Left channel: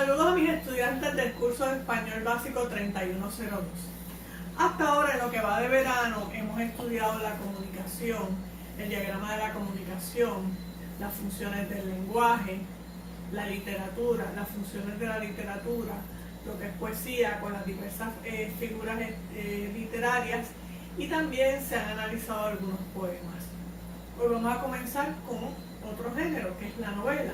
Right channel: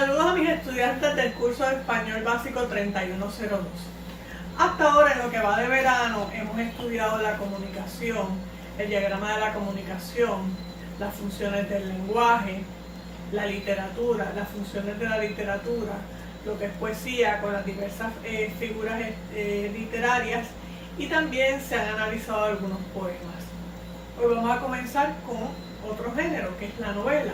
Saludos a mis estudiantes del curso de Español Básico 3102. Hasta ahora, en lo que va de verano, hemos estudiado la comunicación, el diagrama de la comunicación, las funciones del lenguaje, la literatura, las funciones de la literatura, lo que es poesía con las diversas figuras literarias, y también se han analizado algunos poemas. Hoy vamos a comenzar con otro género, que es la novela.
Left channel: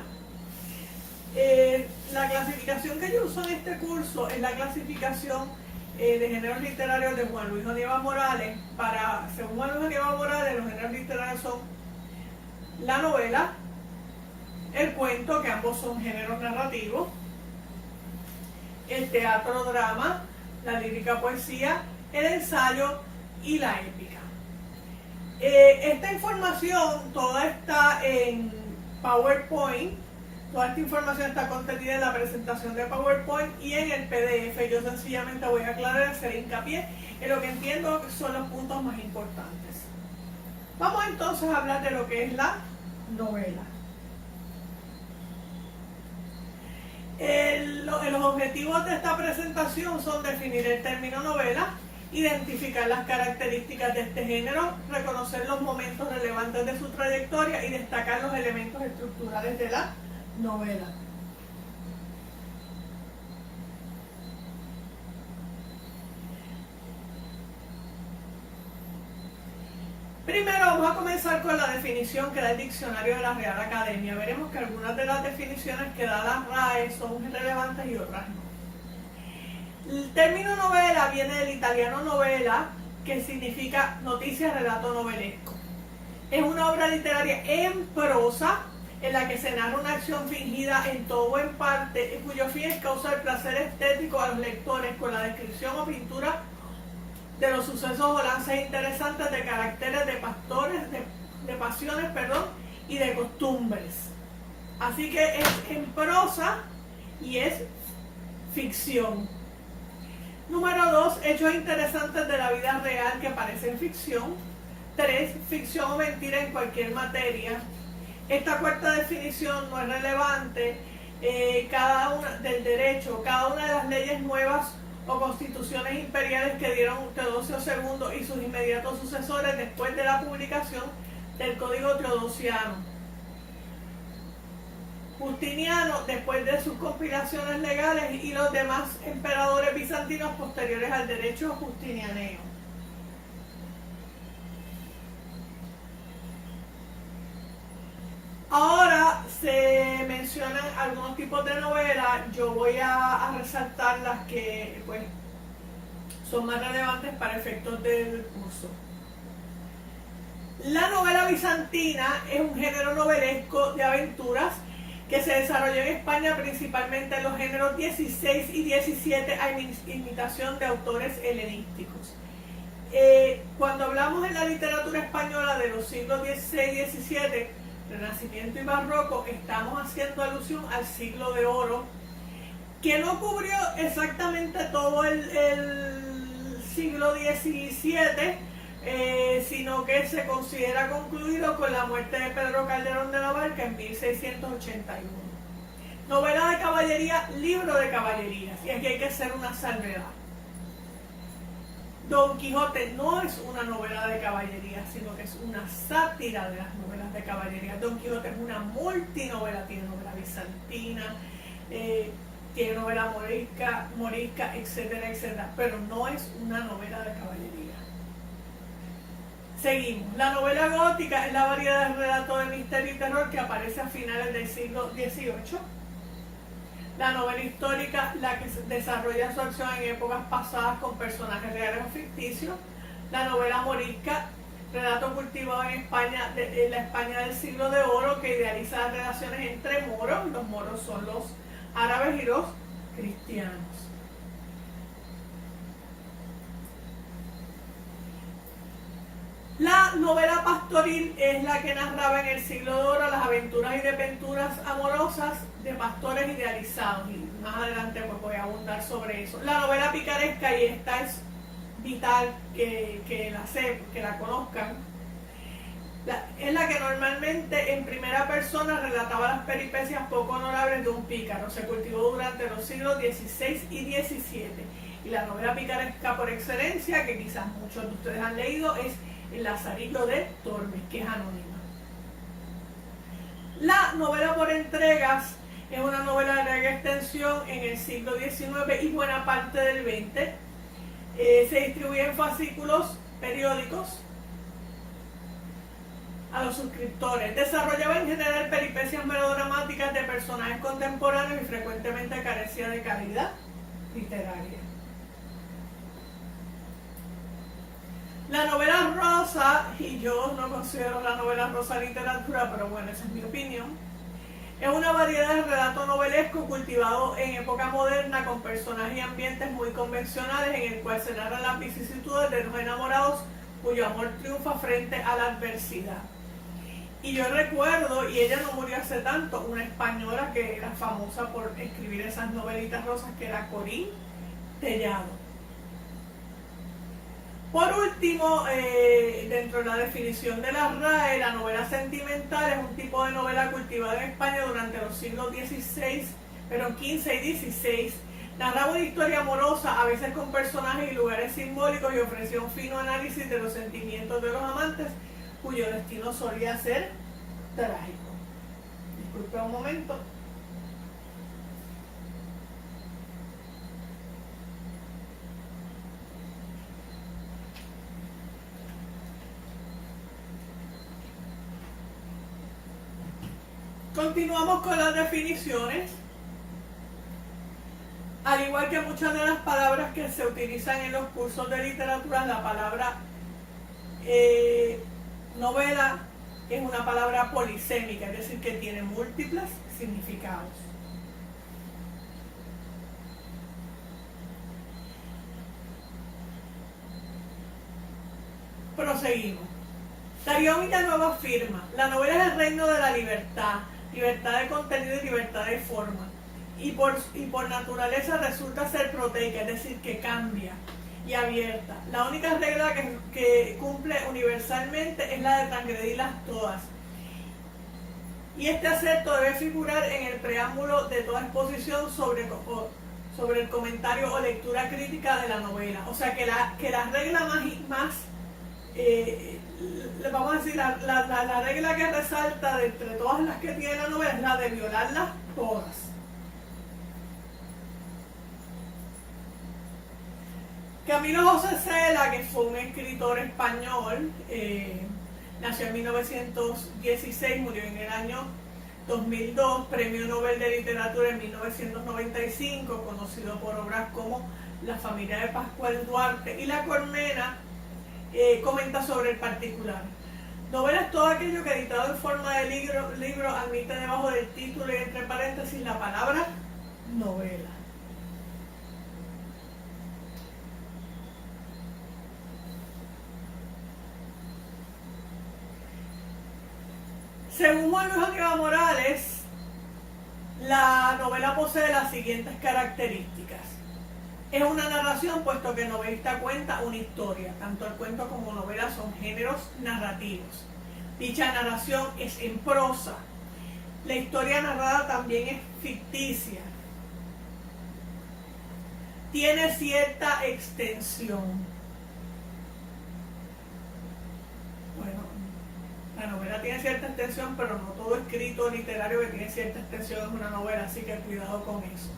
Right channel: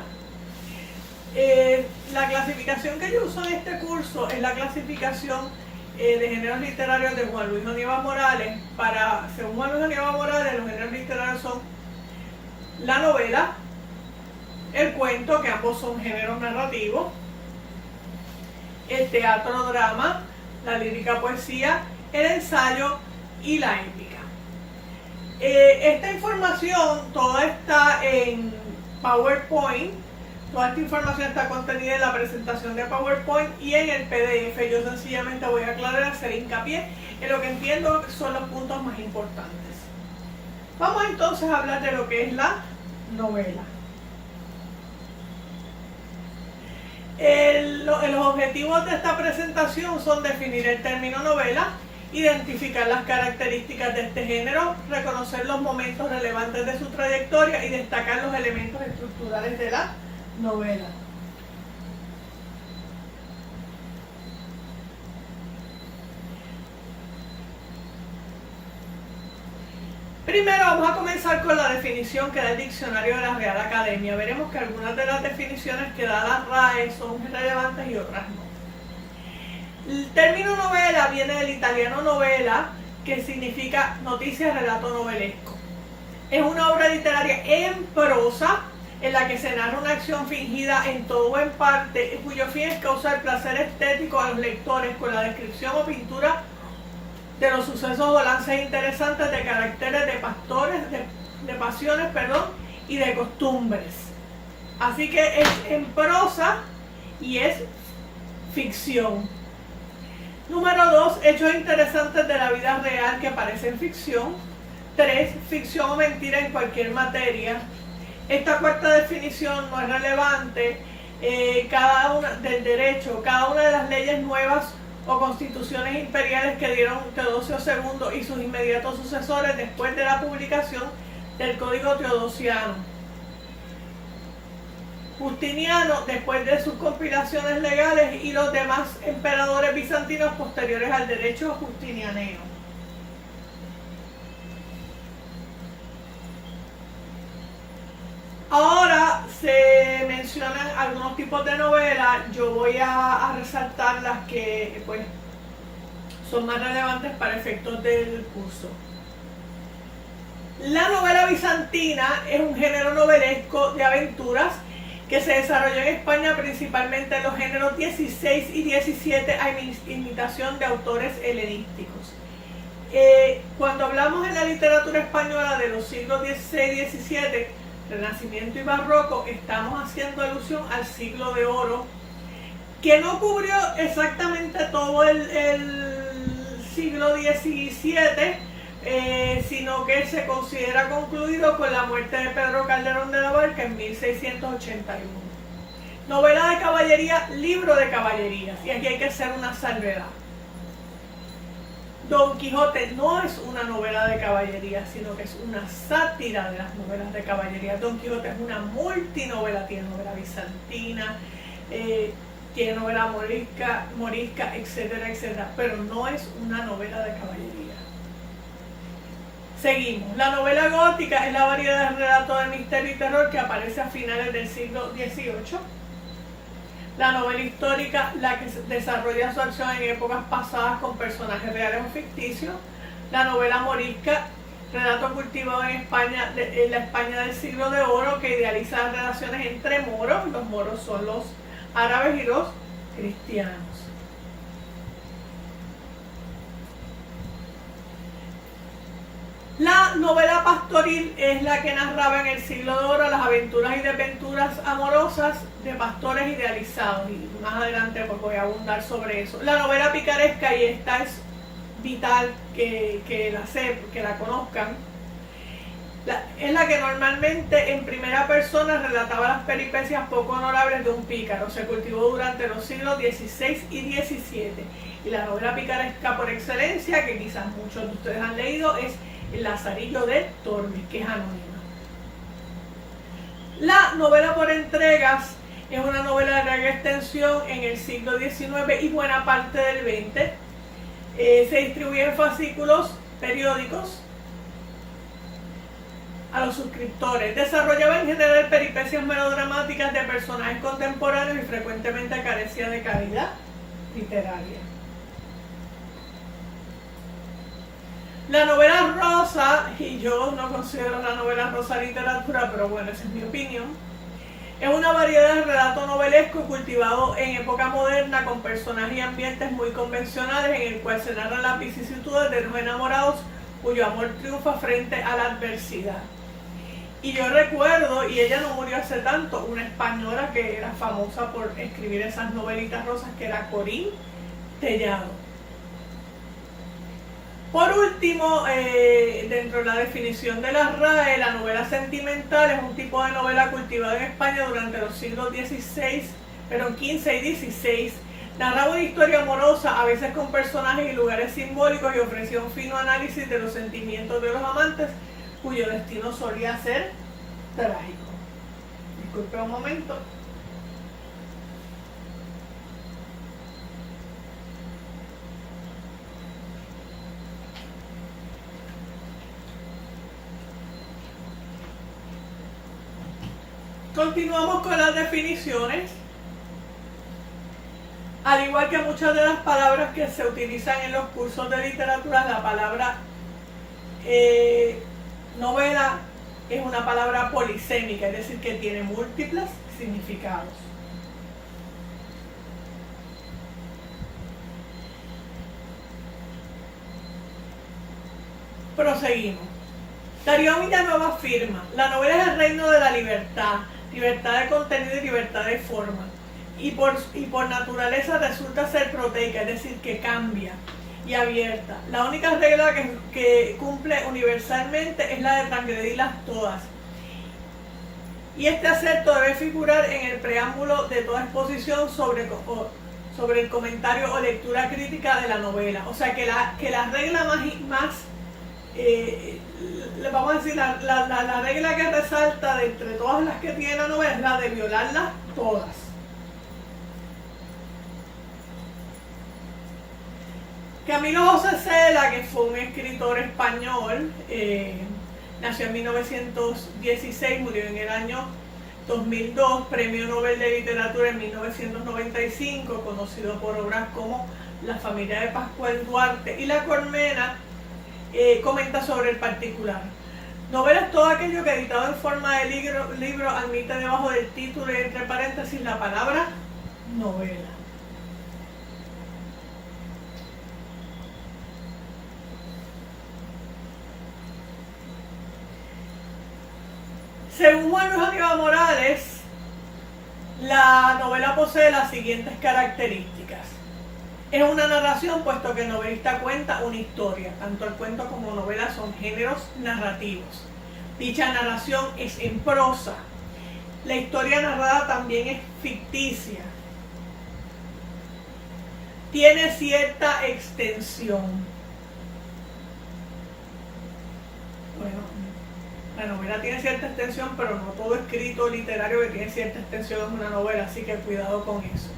La clasificación que yo uso en este curso es la clasificación de géneros literarios de Juan Luis Onívas Morales. Según Juan Luis Onívas Morales, los géneros literarios son la novela, el cuento, que ambos son géneros narrativos, el teatro-drama, la lírica-poesía, el ensayo y la épica. Esta información toda está en PowerPoint. Toda esta información está contenida en la presentación de PowerPoint y en el PDF. Yo sencillamente voy a aclarar, hacer hincapié en lo que entiendo que son los puntos más importantes. Vamos entonces a hablar de lo que es la novela. Los objetivos de esta presentación son definir el término novela, identificar las características de este género, reconocer los momentos relevantes de su trayectoria y destacar los elementos estructurales de la novela. Primero vamos a comenzar con la definición que da el diccionario de la Real Academia. Veremos que algunas de las definiciones que da la RAE son relevantes y otras no. El término novela viene del italiano novela, que significa noticia, relato novelesco. Es una obra literaria en prosa en la que se narra una acción fingida en todo o en parte, cuyo fin es causar placer estético a los lectores con la descripción o pintura de los sucesos o lances interesantes de caracteres de pasiones, y de costumbres. Así que es en prosa y es ficción. Número 2, hechos interesantes de la vida real que parecen ficción. 3, ficción o mentira en cualquier materia. Esta cuarta definición no es relevante. Del derecho, cada una de las leyes nuevas o constituciones imperiales que dieron Teodosio II y sus inmediatos sucesores después de la publicación del Código Teodosiano. Justiniano, después de sus compilaciones legales, y los demás emperadores bizantinos posteriores al derecho justinianeo. Ahora se mencionan algunos tipos de novelas. Yo voy a resaltar las que son más relevantes para efectos del curso. La novela bizantina es un género novelesco de aventuras que se desarrolló en España principalmente en los géneros 16 y 17 a imitación de autores helenísticos. Cuando hablamos en la literatura española de los siglos XVI y XVII, Renacimiento y Barroco, estamos haciendo alusión al siglo de oro, que no cubrió exactamente todo el siglo XVII, sino que se considera concluido con la muerte de Pedro Calderón de la Barca en 1681. Novela de caballería, libro de caballerías, y aquí hay que hacer una salvedad. Don Quijote no es una novela de caballería, sino que es una sátira de las novelas de caballería. Don Quijote es una multinovela, tiene novela bizantina, tiene novela morisca, etcétera, etcétera, pero no es una novela de caballería. Seguimos. La novela gótica es la variedad de relato de misterio y terror que aparece a finales del siglo XVIII. La novela histórica, la que desarrolla su acción en épocas pasadas con personajes reales o ficticios. La novela morisca, relato cultivado en España, en la España del siglo de oro, que idealiza las relaciones entre moros. Los moros son los árabes y los cristianos. La novela pastoril es la que narraba en el siglo de oro las aventuras y desventuras amorosas de pastores idealizados, y más adelante voy a abundar sobre eso. La novela picaresca, y esta es vital que la conozcan, Es la que normalmente en primera persona relataba las peripecias poco honorables de un pícaro. Se cultivó durante los siglos XVI y XVII. Y la novela picaresca por excelencia, que quizás muchos de ustedes han leído, es El Lazarillo de Tormes, que es anónima. La novela por entregas es una novela de larga extensión en el siglo XIX y buena parte del XX. Se distribuye en fascículos periódicos a los suscriptores. Desarrollaba en general peripecias melodramáticas de personajes contemporáneos y frecuentemente carecía de calidad literaria. La novela rosa, y yo no considero la novela rosa literatura, pero bueno, esa es mi opinión, es una variedad de relato novelesco cultivado en época moderna con personajes y ambientes muy convencionales en el cual se narran las vicisitudes de dos enamorados cuyo amor triunfa frente a la adversidad. Y yo recuerdo, y ella no murió hace tanto, una española que era famosa por escribir esas novelitas rosas, que era Corín Tellado. Por último, dentro de la definición de la RAE, la novela sentimental es un tipo de novela cultivada en España durante los siglos XV y XVI. Narraba una historia amorosa, a veces con personajes y lugares simbólicos, y ofrecía un fino análisis de los sentimientos de los amantes, cuyo destino solía ser trágico. Disculpe un momento. Continuamos con las definiciones. Al igual que muchas de las palabras que se utilizan en los cursos de literatura, la palabra novela es una palabra polisémica, es decir, que tiene múltiples significados. Proseguimos. Darío Villanueva afirma: la novela es el reino de la libertad de contenido y libertad de forma, y por naturaleza resulta ser proteica, es decir, que cambia y abierta. La única regla que cumple universalmente es la de transgredirlas todas, y este acepto debe figurar en el preámbulo de toda exposición sobre el comentario o lectura crítica de la novela. O sea que la regla más vamos a decir, la regla que resalta de entre todas las que tiene la novela es la de violarlas todas. Camilo José Cela, que fue un escritor español, nació en 1916, murió en el año 2002, Premio Nobel de Literatura en 1995, conocido por obras como La familia de Pascual Duarte y La Colmena. Comenta sobre el particular. Novela es todo aquello que editado en forma de libro admite debajo del título y entre paréntesis la palabra novela. Según Juan Luis Aníbal Morales, la novela posee las siguientes características. Es una narración, puesto que el novelista cuenta una historia. Tanto el cuento como novela son géneros narrativos. Dicha narración es en prosa. La historia narrada también es ficticia. Tiene cierta extensión. Bueno, la novela tiene cierta extensión, pero no todo escrito literario que tiene cierta extensión es una novela, así que cuidado con eso.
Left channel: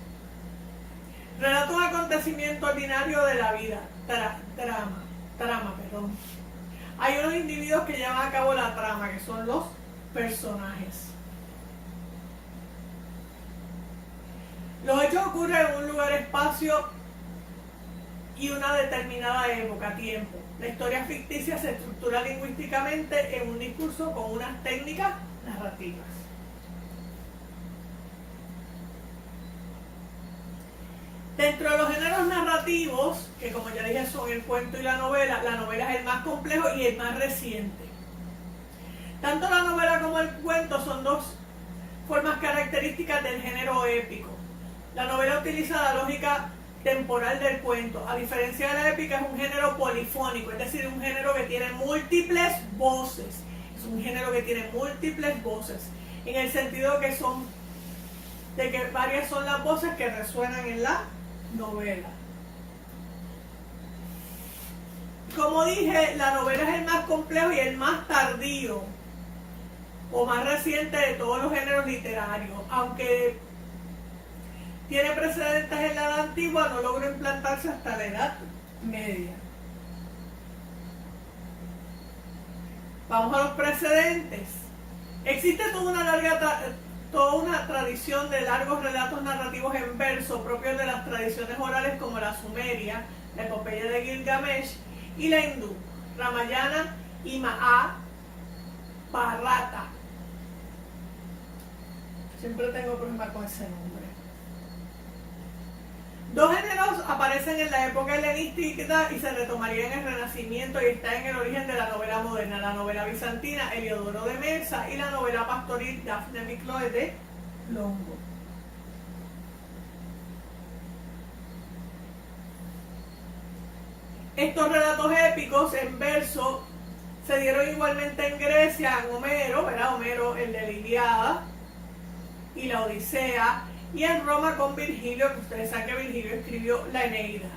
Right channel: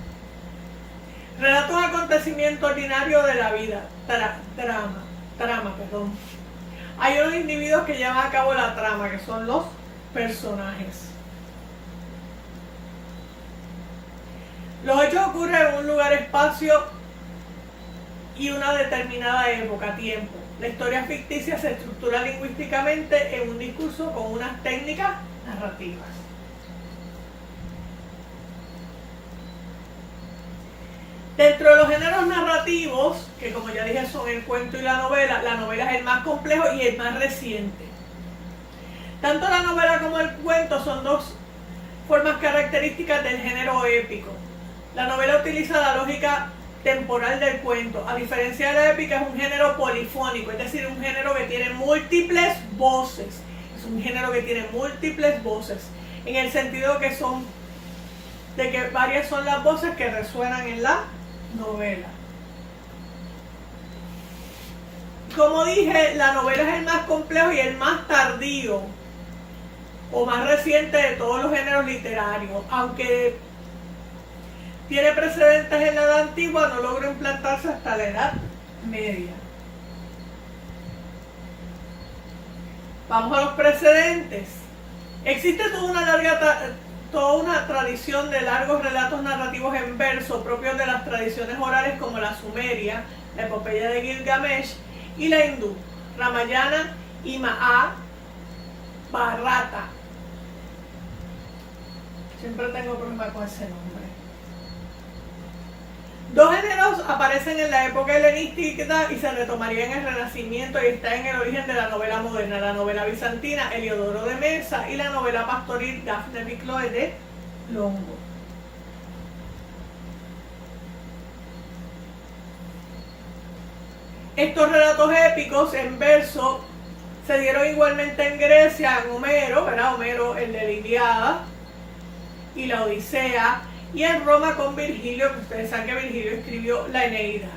Relata un acontecimiento ordinario de la vida, trama. Hay unos individuos que llevan a cabo la trama, que son los personajes. Los hechos ocurren en un lugar, espacio y una determinada época, tiempo. La historia ficticia se estructura lingüísticamente en un discurso con unas técnicas narrativas. Dentro de los géneros narrativos, que como ya dije son el cuento y la novela es el más complejo y el más reciente. Tanto la novela como el cuento son dos formas características del género épico. La novela utiliza la lógica temporal del cuento. A diferencia de la épica, es un género polifónico, es decir, un género que tiene múltiples voces. Es un género que tiene múltiples voces, en el sentido que de que varias son las voces que resuenan en la novela. Como dije, la novela es el más complejo y el más tardío o más reciente de todos los géneros literarios. Aunque tiene precedentes en la Edad Antigua, no logró implantarse hasta la Edad Media. Vamos a los precedentes. Existe toda una tradición de largos relatos narrativos en verso propios de las tradiciones orales como la sumeria, la epopeya de Gilgamesh y la hindú, Ramayana y Mahabharata. Siempre tengo problemas con ese nombre. Dos géneros aparecen en la época helenística y se retomarían en el Renacimiento y está en el origen de la novela moderna, la novela bizantina Heliodoro de Mesa y la novela pastoril Daphne y Chloe de Longo. Estos relatos épicos en verso se dieron igualmente en Grecia, en Homero, ¿verdad? Homero, el de la Ilíada y la Odisea, y en Roma con Virgilio, que ustedes saben que Virgilio escribió la Eneida.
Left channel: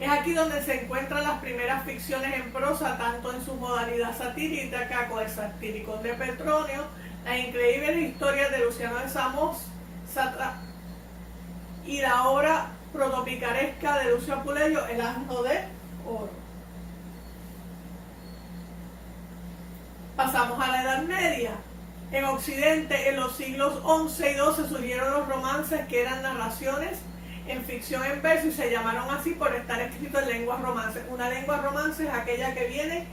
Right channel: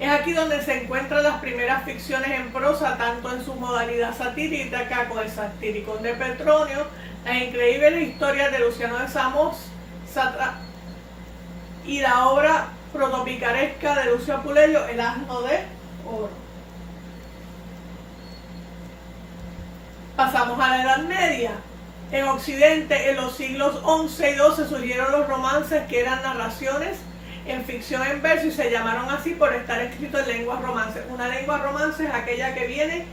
Es aquí donde se encuentran las primeras ficciones en prosa, tanto en su modalidad satírica con el Satiricón de Petronio, las increíbles historias de Luciano de Samosata y la obra protopicaresca de Lucio Apuleyo, El asno de oro. Pasamos a la Edad Media. En Occidente, en los siglos XI y XII surgieron los romances, que eran narraciones en ficción en verso y se llamaron así por estar escritos en lenguas romances. Una lengua romance es aquella que viene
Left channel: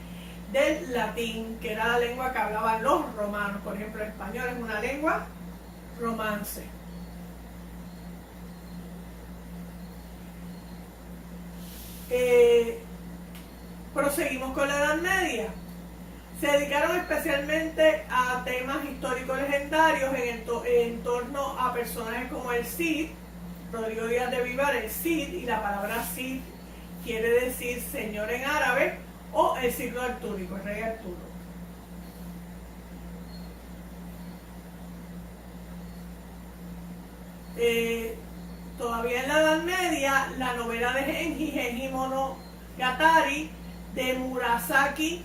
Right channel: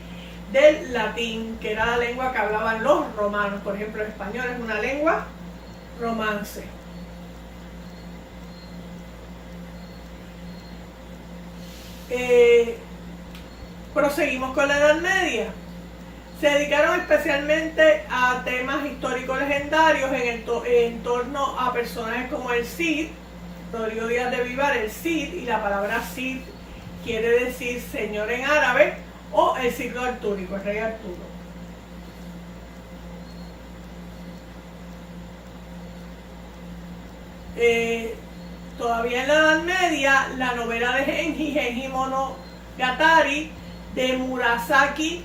del latín, que era la lengua que hablaban los romanos. Por ejemplo, el español es una lengua romance. Proseguimos con la Edad Media. Se dedicaron especialmente a temas históricos legendarios en torno a personajes como el Cid, Rodrigo Díaz de Vivar, el Cid, y la palabra Cid quiere decir señor en árabe, o el siglo artúrico, el rey Arturo. Todavía en la Edad Media, la novela de Genji Monogatari de Murasaki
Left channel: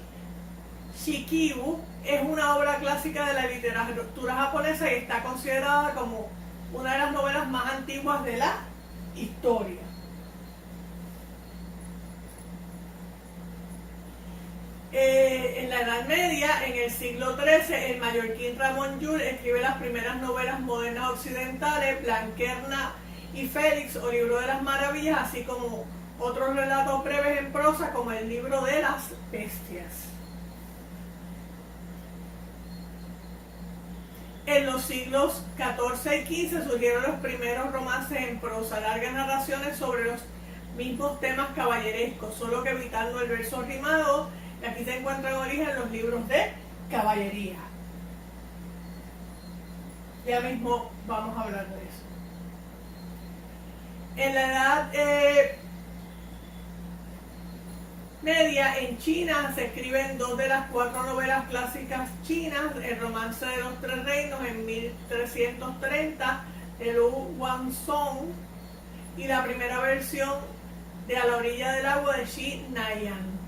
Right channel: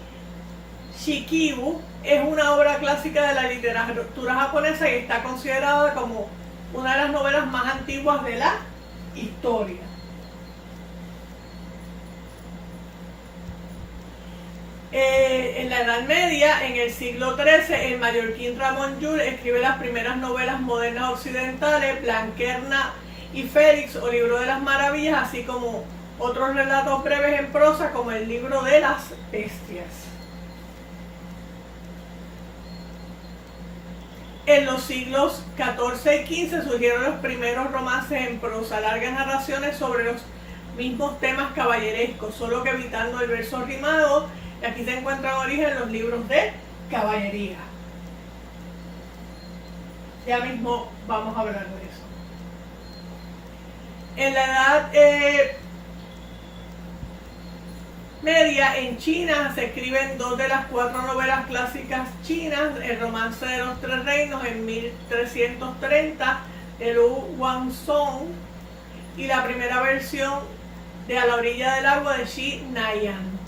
Shikibu es una obra clásica de la literatura japonesa y está considerada como una de las novelas más antiguas de la historia. En la Edad Media, en el siglo XIII, el mallorquín Ramón Llull escribe las primeras novelas modernas occidentales, Blanquerna y Félix, o Libro de las Maravillas, así como otros relatos breves en prosa, como el Libro de las Bestias. En los siglos XIV y XV surgieron los primeros romances en prosa, largas narraciones sobre los mismos temas caballerescos, solo que evitando el verso rimado, y aquí se encuentran origen los libros de caballería. Ya mismo vamos a hablar de eso. En la Edad Media, en China, se escriben dos de las 4 novelas clásicas chinas: El romance de los 3 reinos en 1330 de Lu Guangzhong y la primera versión de A la orilla del agua de Xi Naiyan.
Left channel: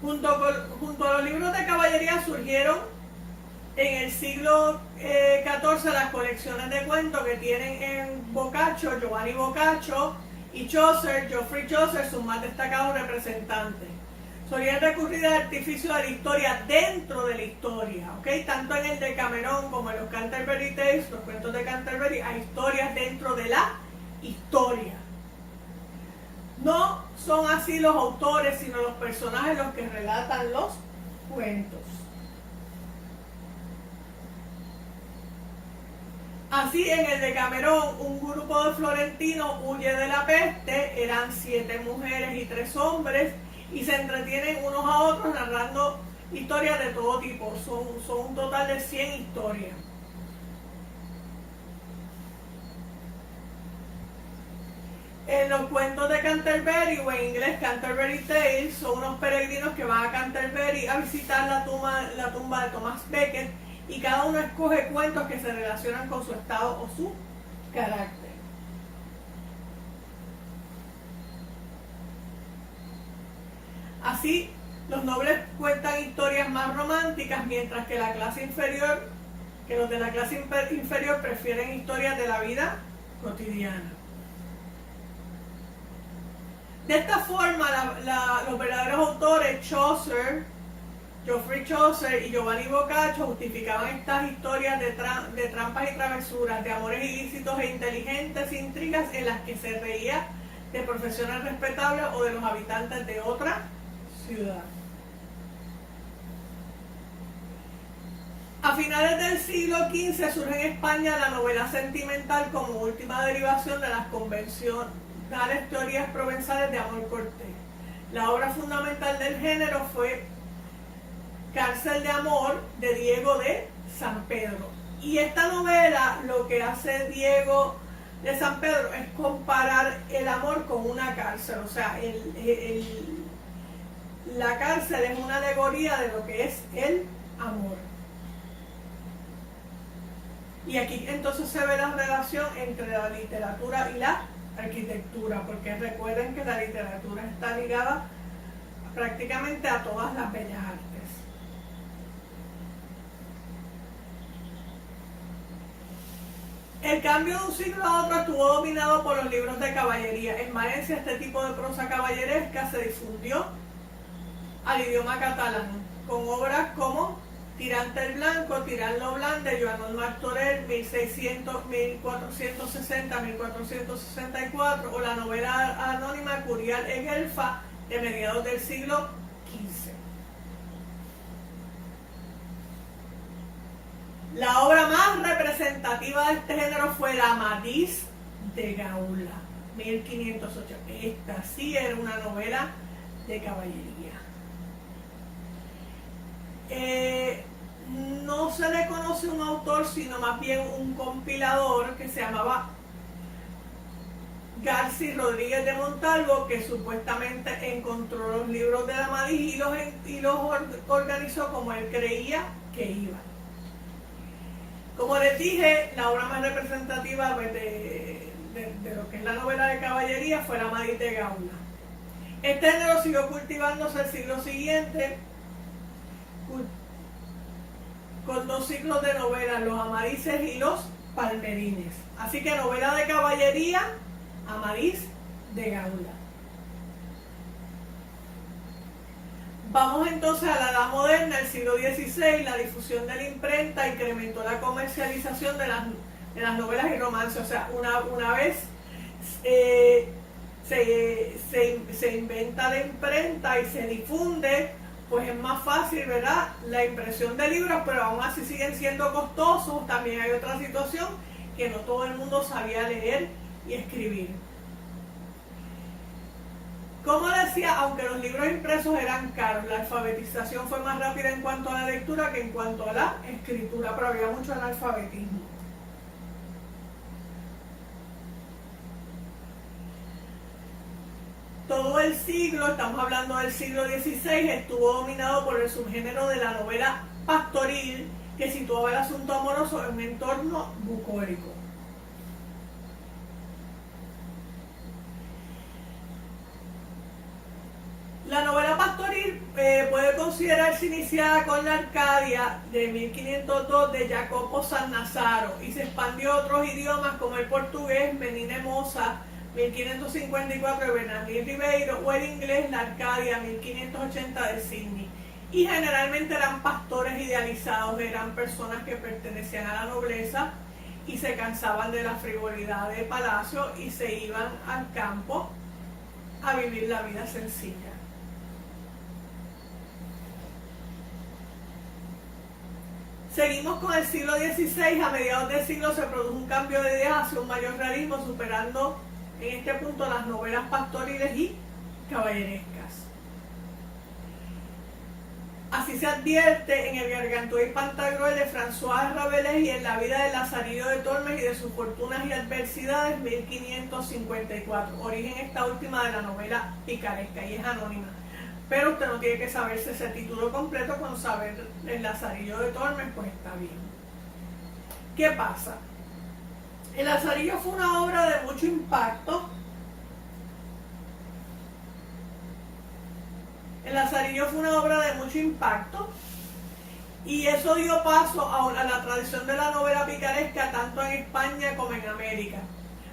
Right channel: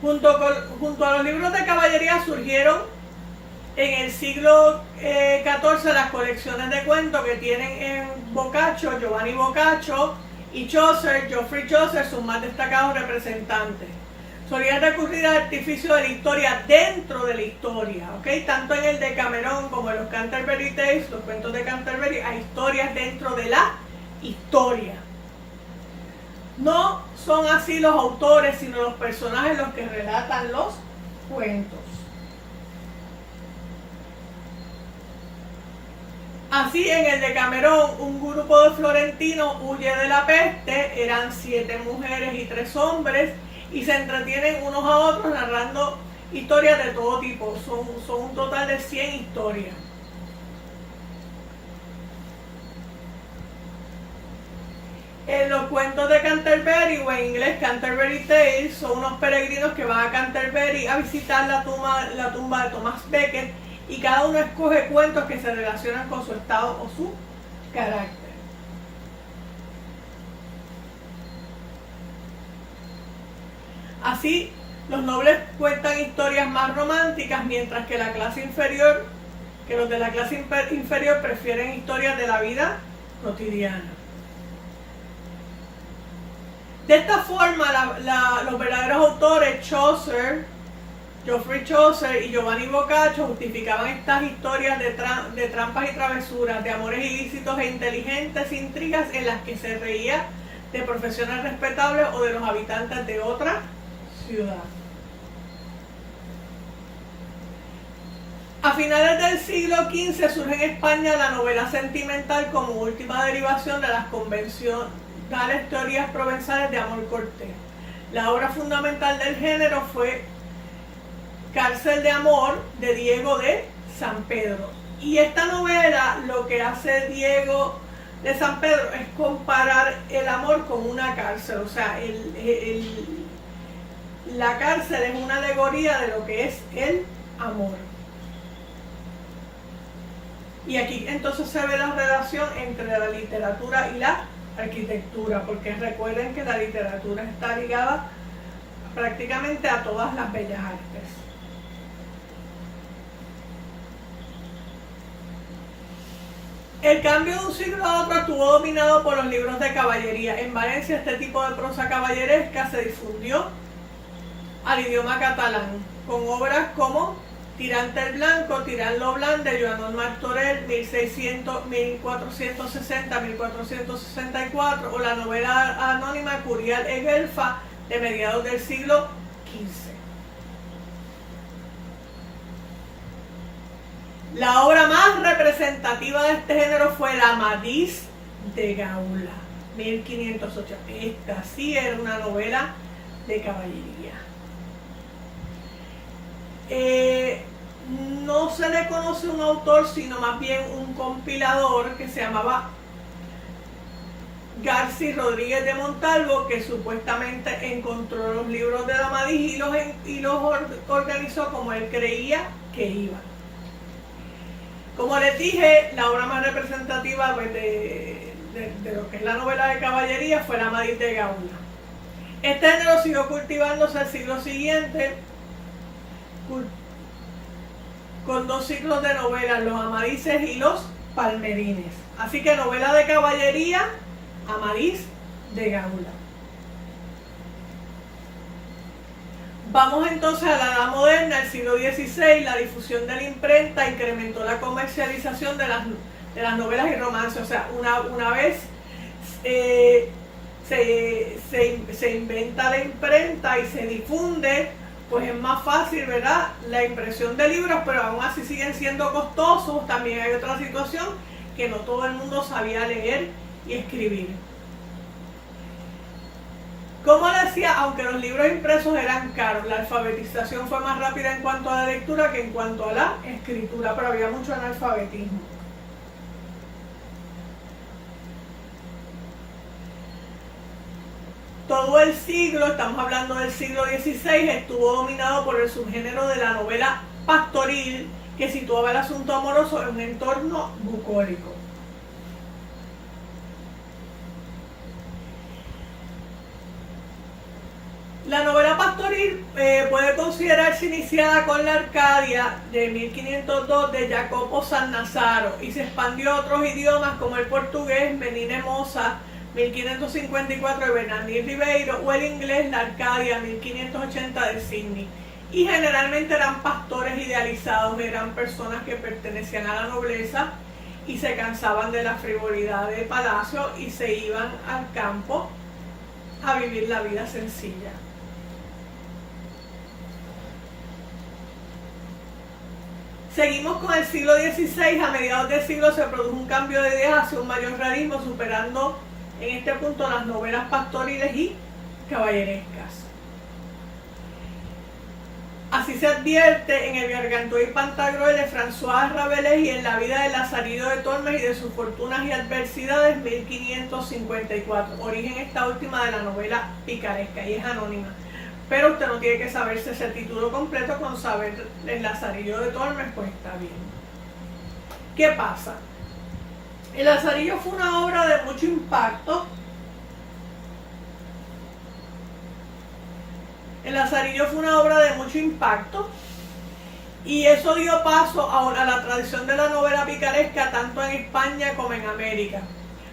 Junto a los libros de caballería surgieron en el siglo XIV las colecciones de cuentos que tienen en Boccaccio, Giovanni Boccaccio, y Chaucer, Geoffrey Chaucer, sus más destacados representantes. Solían recurrir al artificio de la historia dentro de la historia, ¿ok? Tanto en el Decamerón como en los Canterbury Tales, los cuentos de Canterbury, hay historias dentro de la historia. No son así los autores, sino los personajes los que relatan los cuentos. Así, en el Decamerón, un grupo de florentinos huye de la peste, eran 7 mujeres y 3 hombres, y se entretienen unos a otros narrando historias de todo tipo. Son un total de 100 historias. Los cuentos de Canterbury, o en inglés Canterbury Tales, son unos peregrinos que van a Canterbury a visitar la tumba de Thomas Becket, y cada uno escoge cuentos que se relacionan con su estado o su carácter. Así, los nobles cuentan historias más románticas, mientras que los de la clase inferior prefieren historias de la vida cotidiana. De esta forma, los verdaderos autores Geoffrey Chaucer y Giovanni Boccaccio justificaban estas historias de trampas y travesuras, de amores ilícitos e inteligentes intrigas en las que se reía de profesiones respetables o de los habitantes de otra ciudad. A finales del siglo XV surge en España la novela sentimental como última derivación de las convencionales teorías provenzales de amor cortés. La obra fundamental del género fue Cárcel de Amor, de Diego de San Pedro. Y esta novela, lo que hace Diego de San Pedro es comparar el amor con una cárcel. O sea, la cárcel es una alegoría de lo que es el amor. Y aquí entonces se ve la relación entre la literatura y la arquitectura, porque recuerden que la literatura está ligada prácticamente a todas las bellas artes. El cambio de un siglo a otro estuvo dominado por los libros de caballería. En Valencia este tipo de prosa caballeresca se difundió al idioma catalán, con obras como Tirante el Blanco, Tirant lo Blanc, de Joan Martorell, 1460-1464, o la novela anónima Curial e Guelfa, de mediados del siglo XV. La obra más representativa de este género fue La Amadís de Gaula, 1508. Esta sí era una novela de caballería. No se le conoce un autor, sino más bien un compilador que se llamaba Garci Rodríguez de Montalvo, que supuestamente encontró los libros de Amadís y los organizó como él creía que iba. Como les dije, la obra más representativa de lo que es la novela de caballería fue La Amadís de Gaula. Este género siguió cultivándose el siglo siguiente, con dos ciclos de novelas, los Amadises y los Palmerines. Así que novela de caballería, Amadís de Gaula. Vamos entonces a la Edad Moderna, el siglo XVI. La difusión de la imprenta incrementó la comercialización de las novelas y romances. O sea, una vez se inventa la imprenta y se difunde, pues es más fácil, ¿verdad?, la impresión de libros, pero aún así siguen siendo costosos. También hay otra situación, que no todo el mundo sabía leer y escribir. Como decía, aunque los libros impresos eran caros, la alfabetización fue más rápida en cuanto a la lectura que en cuanto a la escritura, pero había mucho analfabetismo. Todo el siglo, estamos hablando del siglo XVI, estuvo dominado por el subgénero de la novela pastoril, que situaba el asunto amoroso en un entorno bucólico. La novela pastoril puede considerarse iniciada con la Arcadia de 1502 de Jacopo Sannazaro y se expandió a otros idiomas como el portugués, Menina Moza, 1554 de Bernardín Ribeiro, o el inglés, La Arcadia, 1580 de Sidney. Y generalmente eran pastores idealizados, eran personas que pertenecían a la nobleza y se cansaban de la frivolidad de palacio y se iban al campo a vivir la vida sencilla. Seguimos con el siglo XVI. A mediados del siglo se produjo un cambio de ideas hacia un mayor realismo, superando en este punto las novelas pastoriles y caballerescas. Así se advierte en el Gargantúa y Pantagruel de François Rabelais y en la vida de Lazarillo de Tormes y de sus fortunas y adversidades, 1554. Origen esta última de la novela picaresca y es anónima. Pero usted no tiene que saberse ese título completo, con saber el Lazarillo de Tormes, pues está bien. ¿Qué pasa? El Lazarillo fue una obra de mucho impacto. El Lazarillo fue una obra de mucho impacto y eso dio paso a la tradición de la novela picaresca tanto en España como en América.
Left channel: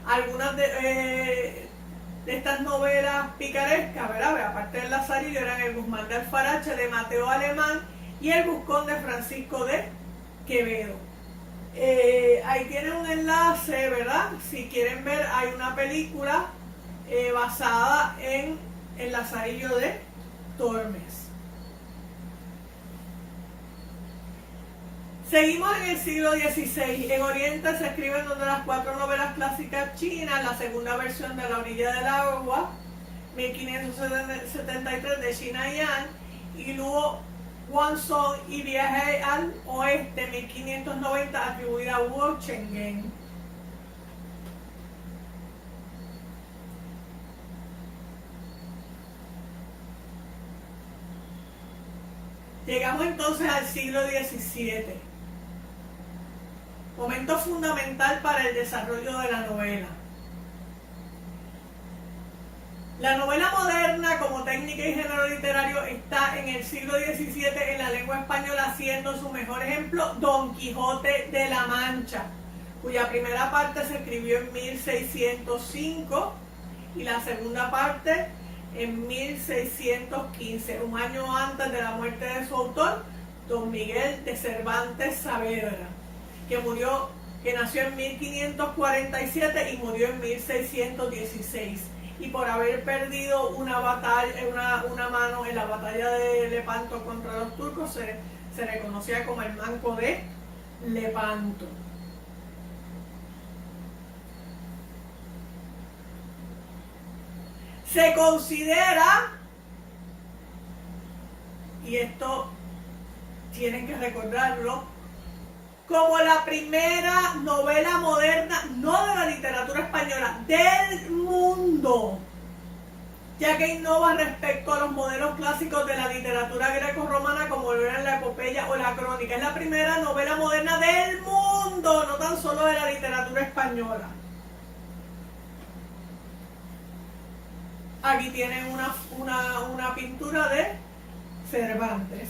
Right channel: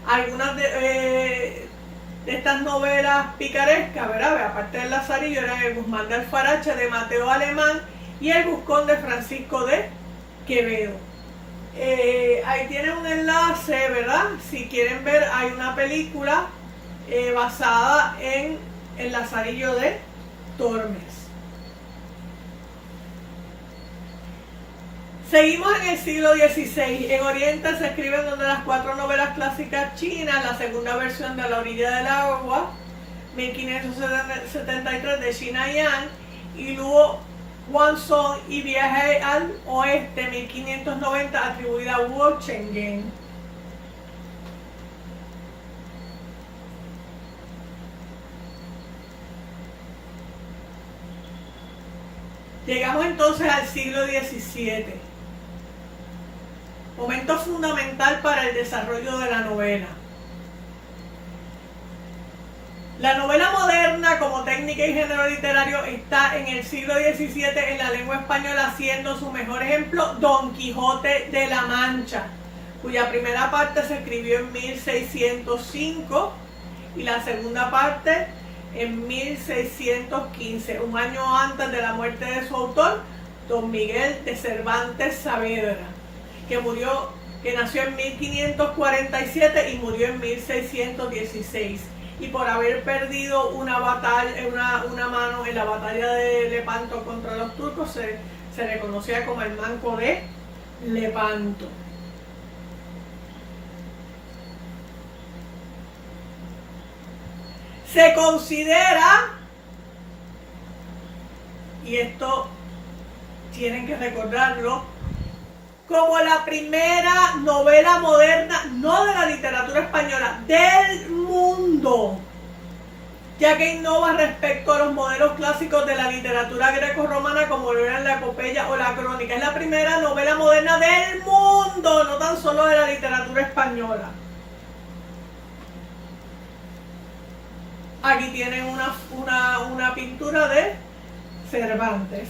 Algunas de estas novelas picarescas, ¿verdad? Aparte del Lazarillo, eran El Guzmán de Alfarache de Mateo Alemán y El Buscón de Francisco de Quevedo. Ahí tienen un enlace, ¿verdad? Si quieren ver, hay una película basada en El Lazarillo de Tormes. Seguimos en el siglo XVI. En Oriente se escriben una de las 4 novelas clásicas chinas, la segunda versión de La orilla del agua, 1573 de China Yan, y luego Guangzhou y Viaje al Oeste, 1590, atribuida a Hugo Chenggen. Llegamos entonces al siglo XVII, momento fundamental para el desarrollo de la novela. La novela moderna como técnica y género literario está en el siglo XVII en la lengua española, siendo su mejor ejemplo Don Quijote de la Mancha, cuya primera parte se escribió en 1605 y la segunda parte en 1615, un año antes de la muerte de su autor, Don Miguel de Cervantes Saavedra, que nació en 1547 y murió en 1616. Y por haber perdido una mano en la batalla de Lepanto contra los turcos, se le conocía como el Manco de Lepanto. Se considera, y esto tienen que recordarlo, como la primera novela moderna, no de la literatura española, del mundo, ya que innova respecto a los modelos clásicos de la literatura greco-romana como lo eran la epopeya o la crónica. Es la primera novela moderna del mundo, no tan solo de la literatura española. Aquí tienen una pintura de Cervantes.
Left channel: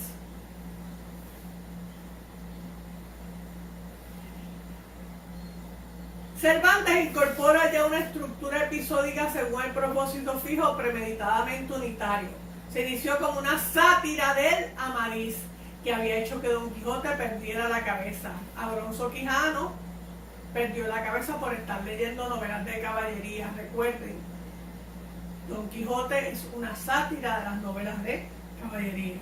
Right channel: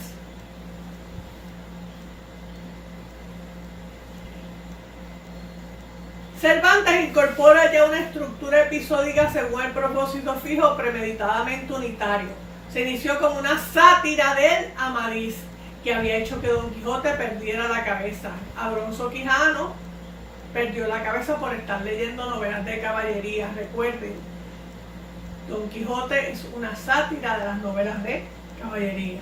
Cervantes incorpora ya una estructura episódica según el propósito fijo, premeditadamente unitario. Se inició como una sátira del Amadís, que había hecho que Don Quijote perdiera la cabeza. Abronzo Quijano perdió la cabeza por estar leyendo novelas de caballería. Recuerden, Don Quijote es una sátira de las novelas de caballería.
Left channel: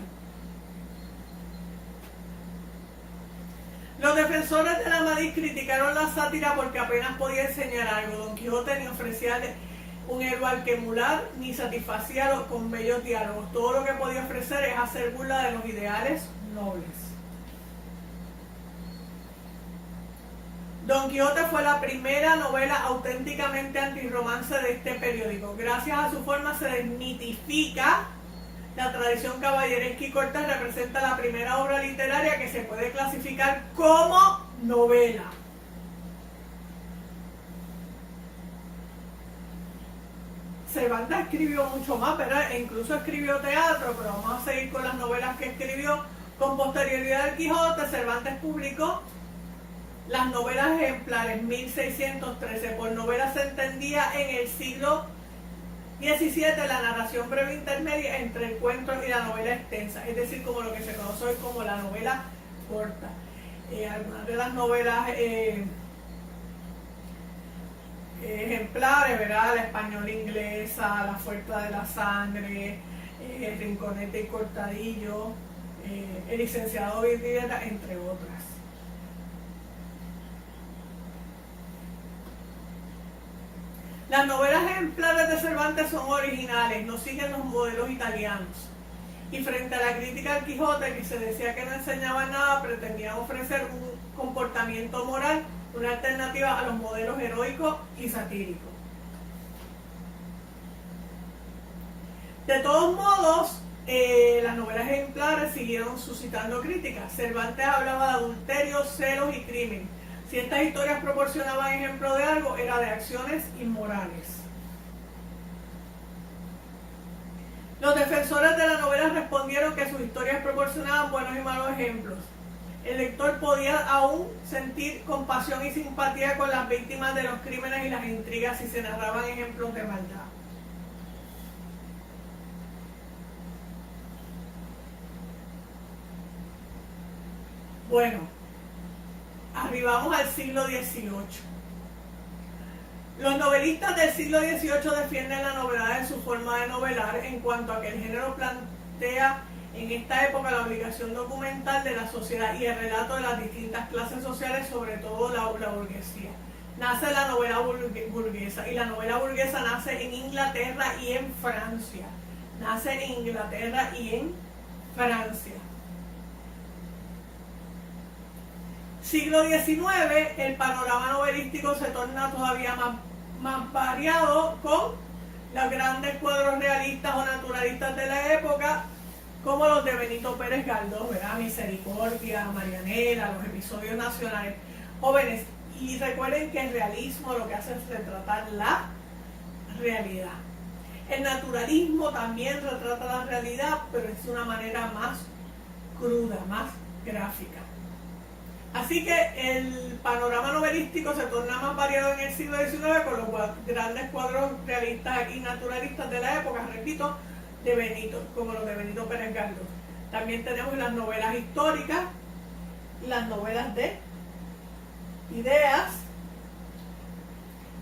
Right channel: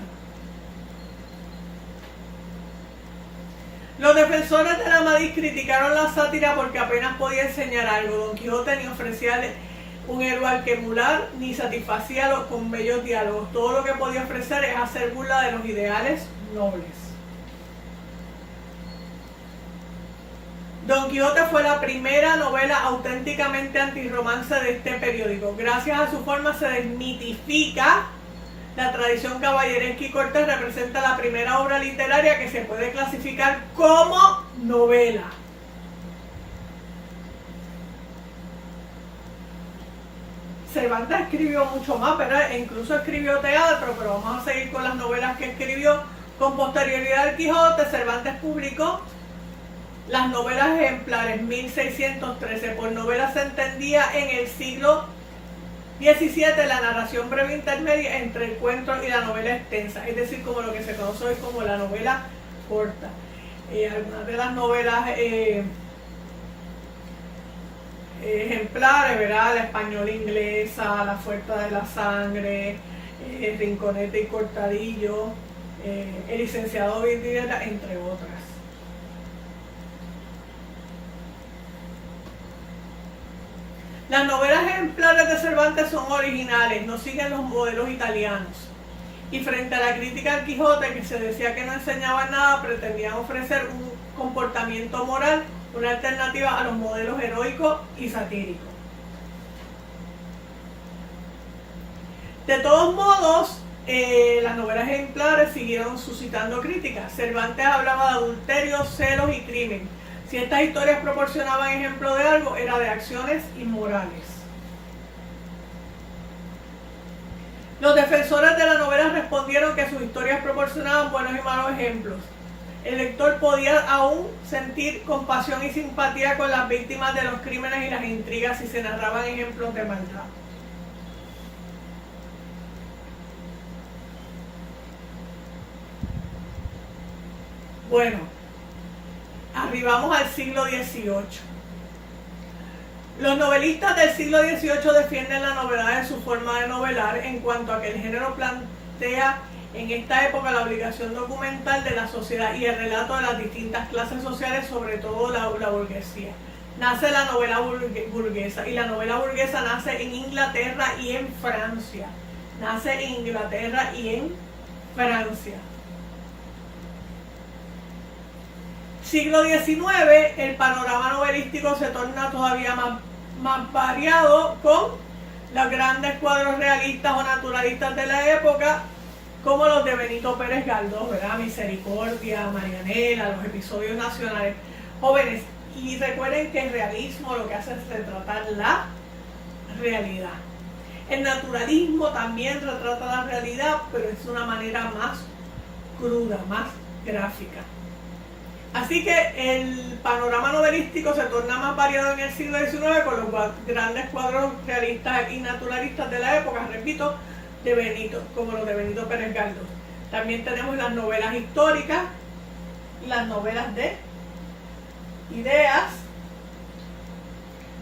Los defensores del Amadís criticaron la sátira porque apenas podía enseñar algo. Don Quijote ni ofrecía un héroe al que emular, ni satisfacía con bellos diálogos. Todo lo que podía ofrecer es hacer burla de los ideales nobles. Don Quijote fue la primera novela auténticamente antirromance de este periódico. Gracias a su forma se desmitifica la tradición caballeresca y cortés. Representa la primera obra literaria que se puede clasificar como novela. Cervantes escribió mucho más, pero incluso escribió teatro, pero vamos a seguir con las novelas que escribió. Con posterioridad al Quijote, Cervantes publicó las novelas ejemplares, 1613. Por novela se entendía en el siglo XVII la narración breve intermedia entre el cuento y la novela extensa, es decir, como lo que se conoce hoy como la novela corta. Algunas de las novelas ejemplares, ¿verdad? La española inglesa, La Fuerza de la Sangre, Rinconete y Cortadillo, El licenciado Vidriera, entre otras. Las novelas ejemplares de Cervantes son originales, no siguen los modelos italianos. Y frente a la crítica al Quijote, que se decía que no enseñaba nada, pretendían ofrecer un comportamiento moral, una alternativa a los modelos heroicos y satíricos. De todos modos, las novelas ejemplares siguieron suscitando críticas. Cervantes hablaba de adulterio, celos y crimen. Si estas historias proporcionaban ejemplo de algo, era de acciones inmorales. Los defensores de la novela respondieron que sus historias proporcionaban buenos y malos ejemplos. El lector podía aún sentir compasión y simpatía con las víctimas de los crímenes y las intrigas si se narraban ejemplos de maldad. Bueno, arribamos al siglo XVIII. Los novelistas del siglo XVIII defienden la novedad de su forma de novelar en cuanto a que el género plantea en esta época la obligación documental de la sociedad y el relato de las distintas clases sociales, sobre todo la burguesía. Nace la novela burguesa, y la novela burguesa nace en Inglaterra y en Francia. Nace en Inglaterra y en Francia. Siglo XIX, el panorama novelístico se torna todavía más variado con los grandes cuadros realistas o naturalistas de la época, como los de Benito Pérez Galdós, ¿verdad? Misericordia, Marianela, los episodios nacionales. Jóvenes, y recuerden que el realismo lo que hace es retratar la realidad. El naturalismo también retrata la realidad, pero es de una manera más cruda, más gráfica. Así que el panorama novelístico se torna más variado en el siglo XIX con los grandes cuadros realistas y naturalistas de la época, repito, como los de Benito Pérez Galdós. También tenemos las novelas históricas, las novelas de ideas,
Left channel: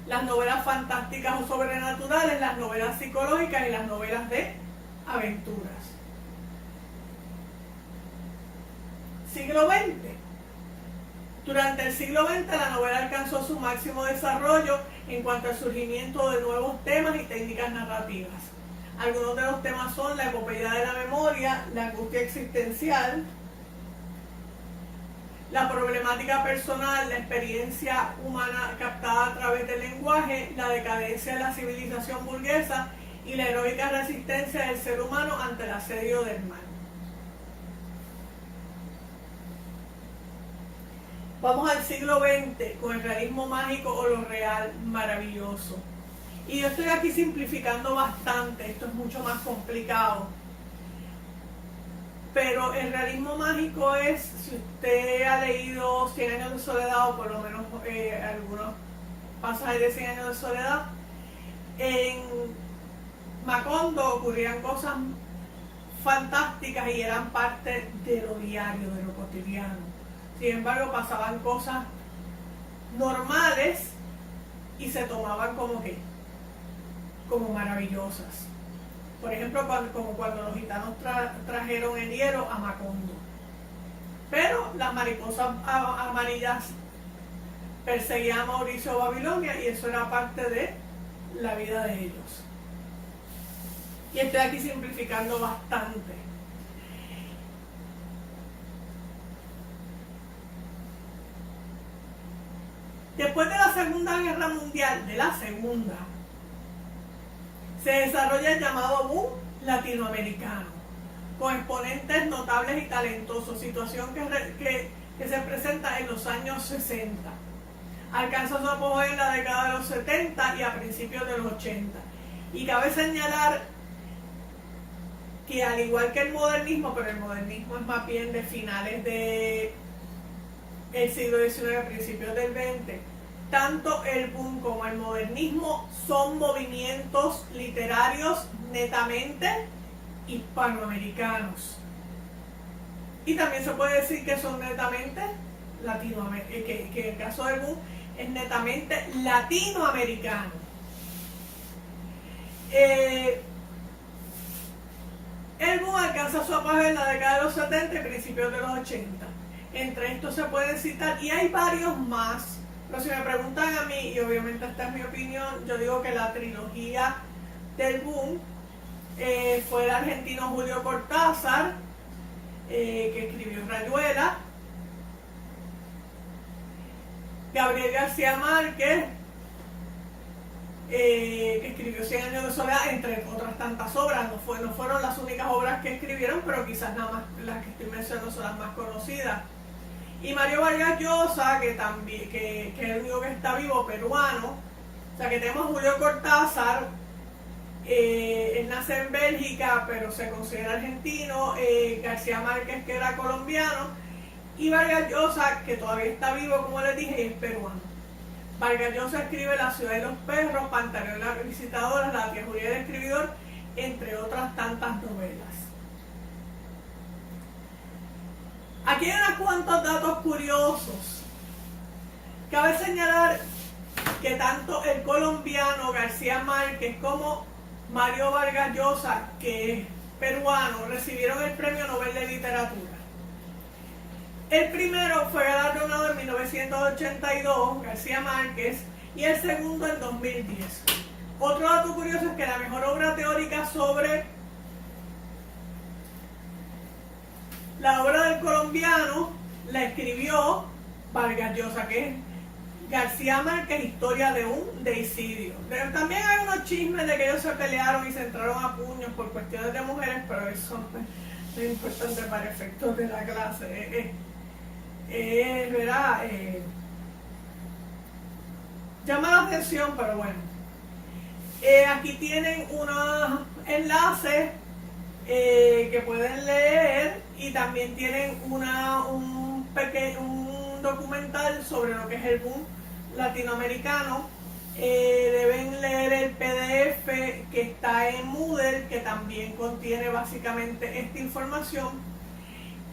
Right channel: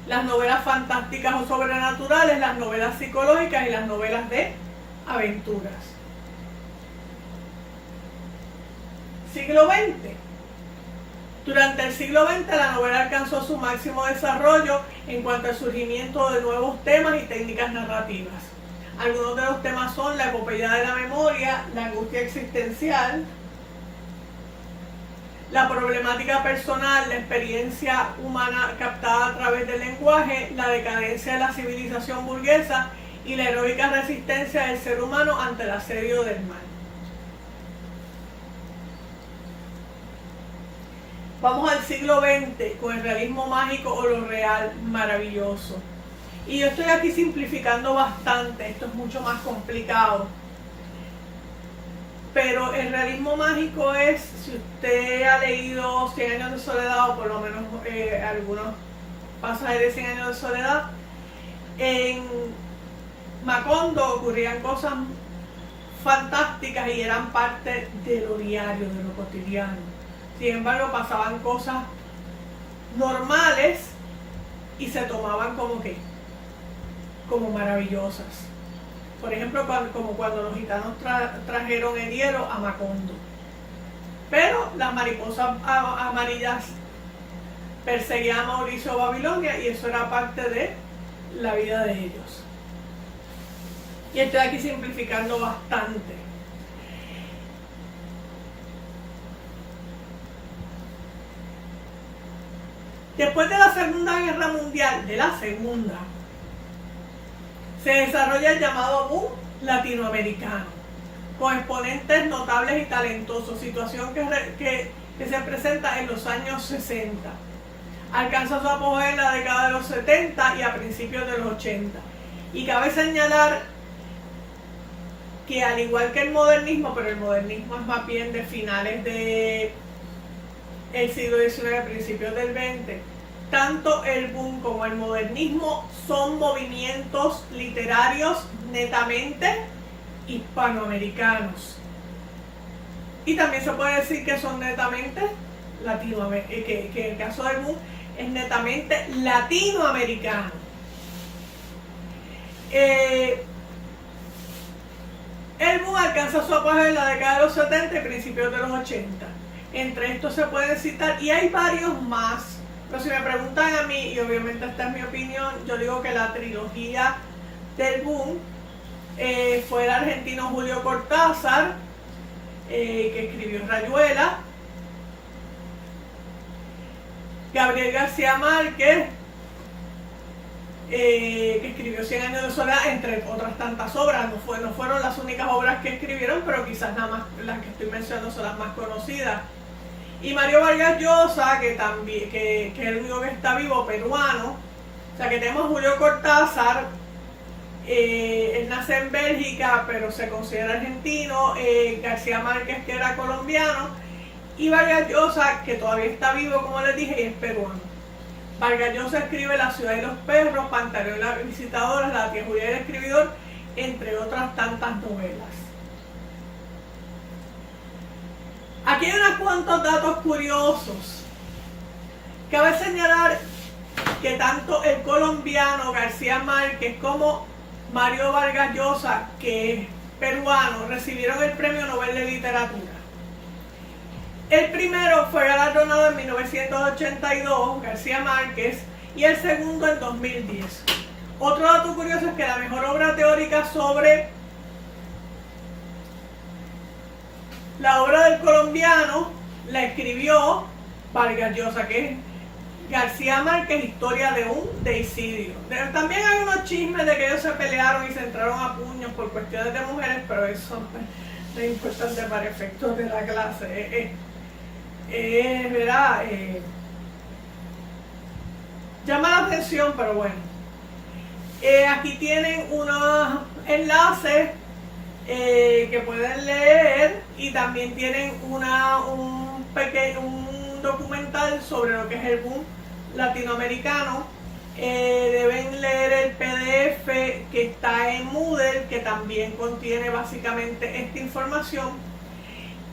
las novelas fantásticas o sobrenaturales, las novelas psicológicas y las novelas de aventuras. Siglo XX. Durante el siglo XX la novela alcanzó su máximo desarrollo en cuanto al surgimiento de nuevos temas y técnicas narrativas. Algunos de los temas son la epopeya de la memoria, la angustia existencial, la problemática personal, la experiencia humana captada a través del lenguaje, la decadencia de la civilización burguesa y la heroica resistencia del ser humano ante el asedio del mal. Vamos al siglo XX con el realismo mágico o lo real maravilloso. Y yo estoy aquí simplificando bastante, esto es mucho más complicado. Pero el realismo mágico es, si usted ha leído 100 años de soledad, o por lo menos algunos pasajes de 100 años de soledad, en Macondo ocurrían cosas fantásticas y eran parte de lo diario, de lo cotidiano. Sin embargo, pasaban cosas normales y se tomaban como maravillosas. Por ejemplo, como cuando los gitanos trajeron el hierro a Macondo. Pero las mariposas amarillas perseguían a Mauricio Babilonia y eso era parte de la vida de ellos. Y estoy aquí simplificando bastante. Después de la Segunda Guerra Mundial, se desarrolla el llamado boom latinoamericano, con exponentes notables y talentosos, situación que se presenta en los años 60. Alcanza su apogeo en la década de los 70 y a principios de los 80. Y cabe señalar que al igual que el modernismo, pero el modernismo es más bien de finales del siglo XIX, principios del XX, tanto el boom como el modernismo son movimientos literarios netamente hispanoamericanos. Y también se puede decir que son netamente latinoamericanos, que el caso del boom es netamente latinoamericano. El boom alcanza su apogeo en la década de los 70 y principios de los 80. Entre estos se pueden citar, y hay varios más, pero si me preguntan a mí, y obviamente esta es mi opinión, yo digo que la trilogía del boom fue el argentino Julio Cortázar, que escribió Rayuela. Gabriel García Márquez, que escribió 100 años de soledad, entre otras tantas obras. No fueron las únicas obras que escribieron, pero quizás nada más las que estoy mencionando son las más conocidas. Y Mario Vargas Llosa, que es el único que está vivo, peruano. O sea que tenemos Julio Cortázar, él nace en Bélgica, pero se considera argentino. García Márquez, que era colombiano, y Vargas Llosa, que todavía está vivo, como les dije, y es peruano. Vargas Llosa escribe La ciudad de los perros, Pantaleón la visitadora, La tía Julia y el escribidor, entre otras tantas novelas. Aquí hay unos cuantos datos curiosos. Cabe señalar que tanto el colombiano García Márquez como Mario Vargas Llosa, que es peruano, recibieron el Premio Nobel de Literatura. El primero fue galardonado en 1982, García Márquez, y el segundo en 2010. Otro dato curioso es que la mejor obra teórica sobre la obra del colombiano la escribió Vargas Llosa, que es García Márquez, Historia de un deicidio. También hay unos chismes de que ellos se pelearon y se entraron a puños por cuestiones de mujeres, pero eso no es importante para efectos de la clase. ¿Verdad? Llama la atención, pero bueno. Aquí tienen unos enlaces que pueden leer, y también tienen un documental sobre lo que es el boom latinoamericano. Deben leer el PDF que está en Moodle, que también contiene básicamente esta información,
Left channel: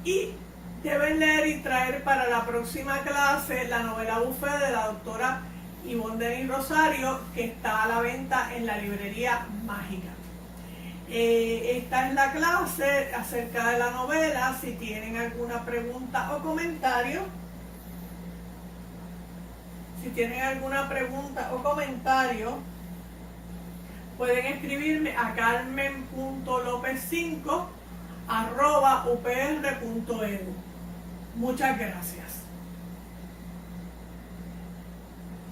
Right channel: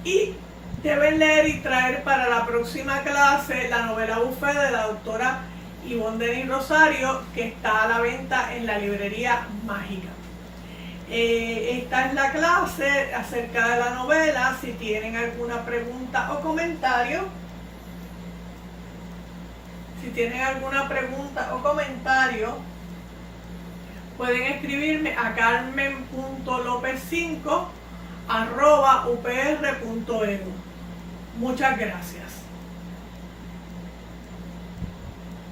y deben leer y traer para la próxima clase la novela Buffet de la doctora Ivonne Denis Rosario, que está a la venta en la librería Mágica. Esta es la clase acerca de la novela. Si tienen alguna pregunta o comentario, pueden escribirme a carmen.lopez5@upr.edu. Muchas gracias.